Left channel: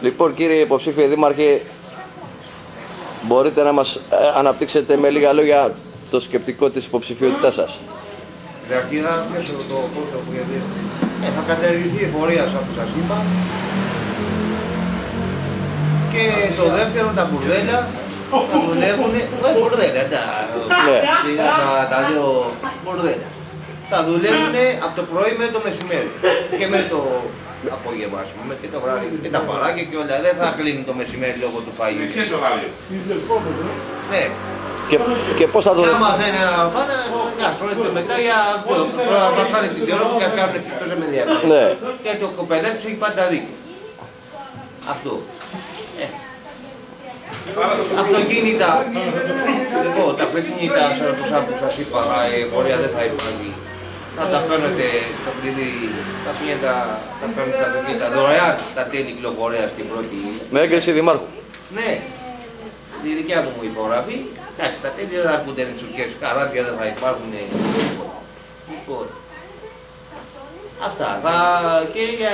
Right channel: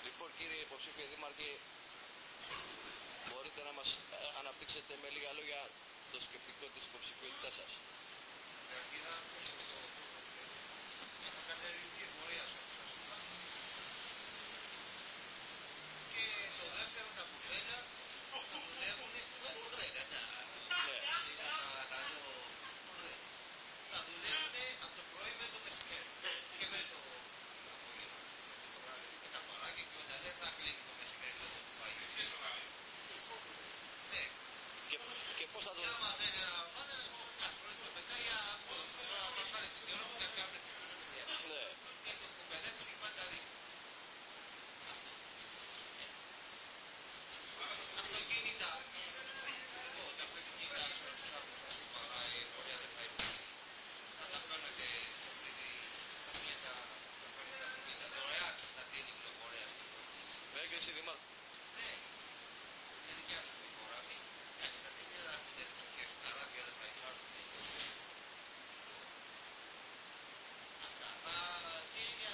Λοιπόν, κύριε υποψήφιε δήμαρχε, μπορείτε να μας αναπτύξετε με λίγα λόγια το σκεπτικό της υποψηφιότητάς σας? Καταρχήν, μέσω το πρώτο που θα καταργηθεί η εφορία, όπως σας είπα. Και το δεύτερο, τα μπουρδέλα θα δουλεύουν. Μπουρδέλα, τα λέω μπουρδέλα. Θα δουλεύουν από το πρωί με το μεσημέρι και με το απόγευμα, ας πούμε, και το βράδυ. Και τα παράκια και όλα. Δεν θα κλείνουν το μεσημέρι λόγω του φαγητού. Ναι. Και πώς θα το... Άμα δεν είναι να φάνε, να στρώνεται μετά για να φάνε την τερό που κάνουν εκτός με διάρκεια. Ναι. Και το κοπελάτης έχει πάντα δίκιο. Αυτό. Αυτοκίνητα. Λοιπόν, τα αυτοκίνητα, όπως σας είπα, η πορεία δεν θα υπάρχει. Θα τα παίρνετε, το κλειδί, τα πηγαίνετε, τα παίρνετε τα αυτοκίνητα δωρεάν, τα τέλη κυκλοφορίας στην πρώτη. Με έγκριση δημάρχου. Ναι. Τη δικιά μου υπογραφή. Εντάξει, τα τέλη δεν θα έρχονται ενεξουρκές, καράβια δεν θα υπάρχουν. Λοιπόν, αυτά. Και για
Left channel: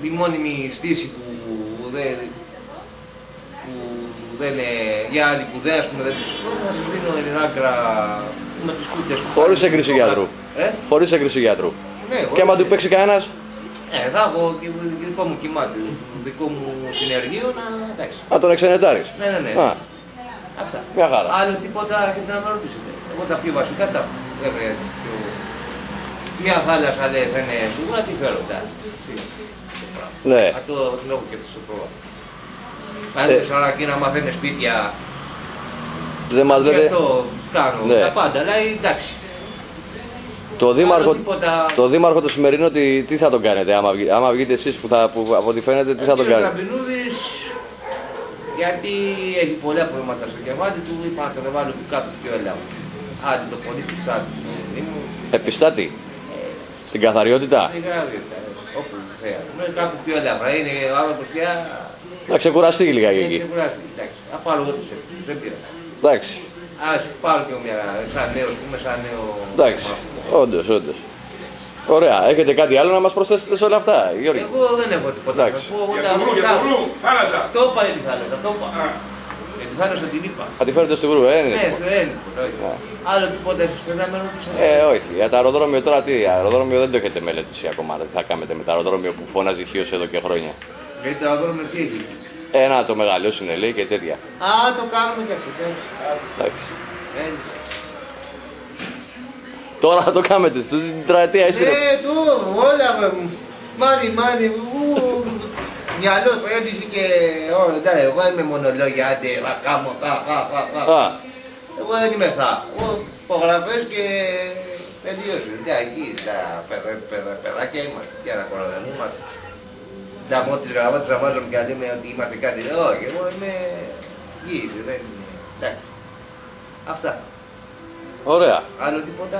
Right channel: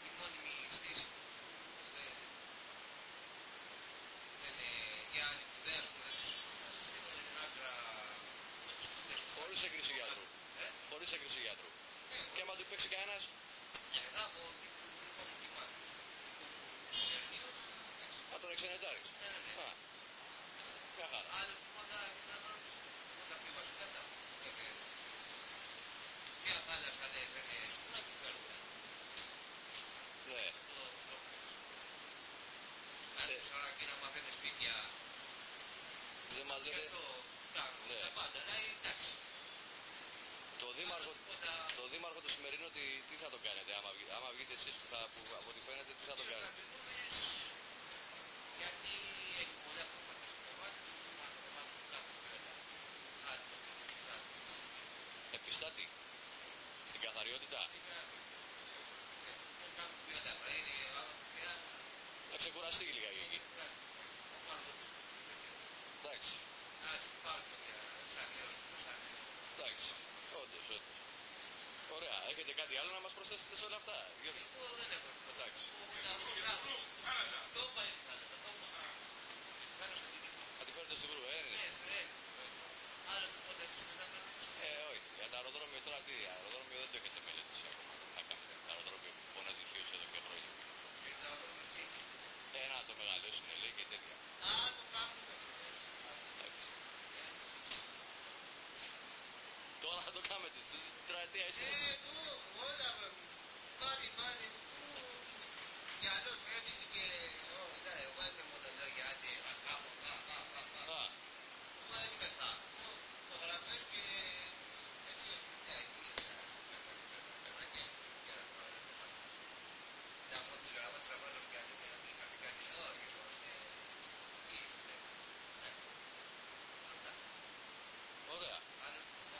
τη μόνιμη στήση που δεν είναι, για άλλοι που δεν, ας πούμε, δεν τους θα τους δίνω ενάκρα με τους κούτες. Χωρίς έγκριση γιατρού. Χωρίς έγκριση γιατρού. Ναι, και άμα του παίξει κανένας. Θα έχω και δικό μου κυμάτι, δικό μου συνεργείο να, εντάξει. Α, τον εξενετάρεις. Ναι. Αυτά. Μια χαρά. Άλλο τίποτα έχετε να με ρωτήσετε. Εγώ τα πιο βασικά τα έχω. Μια θάλασσα λέει δεν είναι σίγουρα, τι φέρω τα. Ναι. Αυτό την έχω και στο πρόγραμμα. Αν είναι Σαρακή να μαθαίνει σπίτια. Δεν μας λέτε. Και αυτό κάνω. Τα πάντα, αλλά εντάξει. Το δήμαρχο το σημερινό τι θα τον κάνετε, άμα βγείτε εσείς που από ό,τι φαίνεται, τι θα τον κάνετε? Γιατί έχει πολλά προβλήματα στο κεφάλι του, είπα να τον εβάλω του κάπου πιο ελάβω. Άντε το πολύ πιστάτη στο Δήμο. Επιστάτη? Στην καθαριότητα? Στην καθαριότητα, όπου θέλει. Κάπου πιο ελάβω. Είναι ο άνθρωπος πια... Να ξεκουραστεί λιγάκι εκεί. Να ξεκουραστεί, εντάξει. Θα πάρω εγώ τις ευθύνες, δεν πήρα. Εντάξει. Ας πάρω και μια, σαν νέος, πούμε, σαν νέο... Εντάξει, όντως. Ωραία. Έχετε κάτι άλλο να μας προσθέσετε σε όλα αυτά, Γιώργη? Εγώ δεν έχω τίποτα. Για το Βρού, θάλασσα. Το είπα η θάλασσα, το είπα. Για τη θάλασσα την είπα. Θα τη φέρετε στο Βρού, Ναι, στο Ένικο. Άλλο τίποτα εσείς δεν θα με ρωτήσατε? Όχι. Για το αεροδρόμιο τώρα τι, αεροδρόμιο δεν το έχετε μελετήσει ακόμα. Τι θα κάνετε με το αεροδρόμιο που φώναζε χίος εδώ και χρόνια? Γιατί το αεροδρόμιο τι έχει? Να το μεγαλώσουν λέει και τέτοια. Το κάνουμε και αυτό. Εντάξει. Τώρα θα το κάνετε, στην τετραετία εσύ. Όλα μάνι, μυαλό φρέντιση και όλα. Εγώ είμαι μονολόγια, άντε, θα κάνω, Εγώ δεν είμαι θα. Εγώ υπογραφές και τελείωσε. Εκεί στα παιδάκια είμαστε, τι να κοροδανούμαστε. Τα μόνο τις γραμμάτες θα βάζουμε και λέμε ότι είμαστε κάτι. Όχι, εγώ είμαι γύριση, δεν είναι. Εντάξει. Αυτά. Ωραία. Άλλο τίποτα?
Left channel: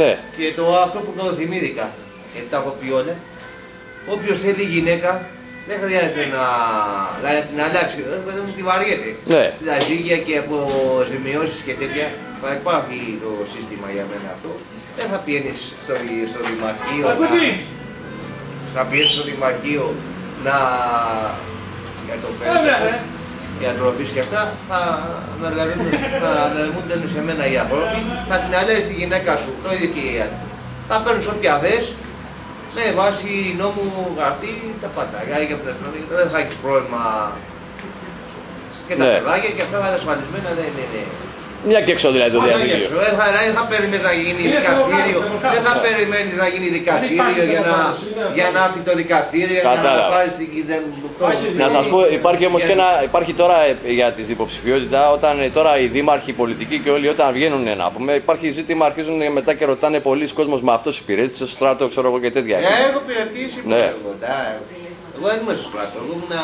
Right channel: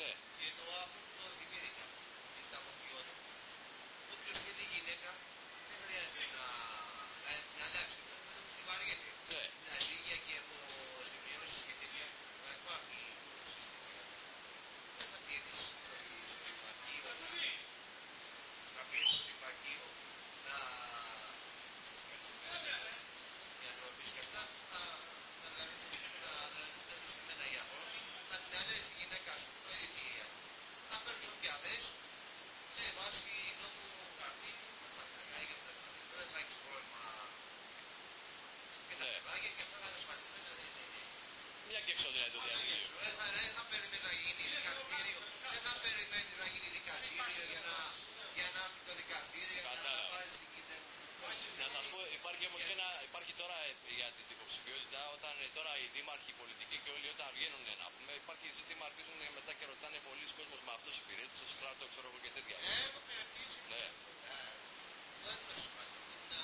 Ναι. Και αυτό που το θυμήθηκα, γιατί τα έχω πει όλα. Όποιος θέλει γυναίκα, δεν χρειάζεται να αλλάξει. Δεν μου τη βαριέται. Ναι. Λαζίγια και αποζημιώσεις και τέτοια. Θα υπάρχει το σύστημα για μένα αυτό. Δεν θα πιένεις στο δημαρχείο. Να πιέσεις στο δημαρχείο για το πέρα. Για τροφής και αυτά, θα αναλαμβούνται σε μένα οι άνθρωποι, θα την αλλάζει τη γυναίκα σου, το ίδιο και η άλλη. Θα παίρνεις όποια δες, με βάση νόμου γραφτεί, τα πάντα. Για πνευματικά δεν θα έχεις πρόβλημα. Και τα παιδάκια και αυτά θα είναι ασφαλισμένα, δεν είναι. Μια και έξω δηλαδή το διαδίκτυο. Δεν θα περιμένεις να γίνει δικαστήριο, δεν θα περιμένεις να γίνει δικαστήριο για να έρθει το δικαστήριο, για να πάρεις την Να σας πω, υπάρχει όμως και υπάρχει τώρα για τη υποψηφιότητα, όταν τώρα οι δήμαρχοι, οι πολιτικοί και όλοι όταν βγαίνουν να πούμε, υπάρχει ζήτημα, αρχίζουν μετά και ρωτάνε πολλοί κόσμος με αυτός υπηρέτησε στο στράτο, ξέρω εγώ και τέτοια. Έχω υπηρετήσει, εγώ δεν είμαι στο στράτο, εγώ ήμουν...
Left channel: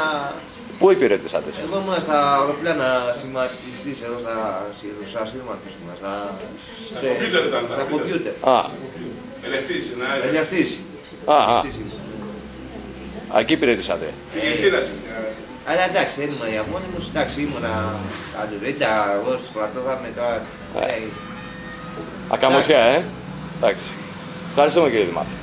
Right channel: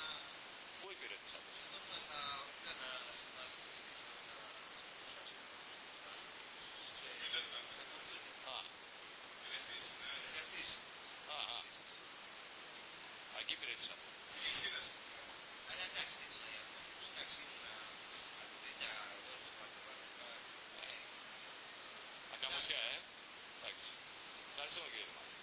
Πού υπηρετήσατε? Εγώ ήμουν στα αεροπλάνα σχηματιστής εδώ στα σχήματος, στα κομπιούτερ. Ελευτής. Εκεί υπηρετήσατε. Αλλά εντάξει, δεν ήμουν για μόνιμος, εντάξει, ήμουνα αλληλέγγυα, εγώ στο στρατό θα μετά... Ακαμωσιά, εντάξει. Ευχαριστούμε κύριε Δημάρχη.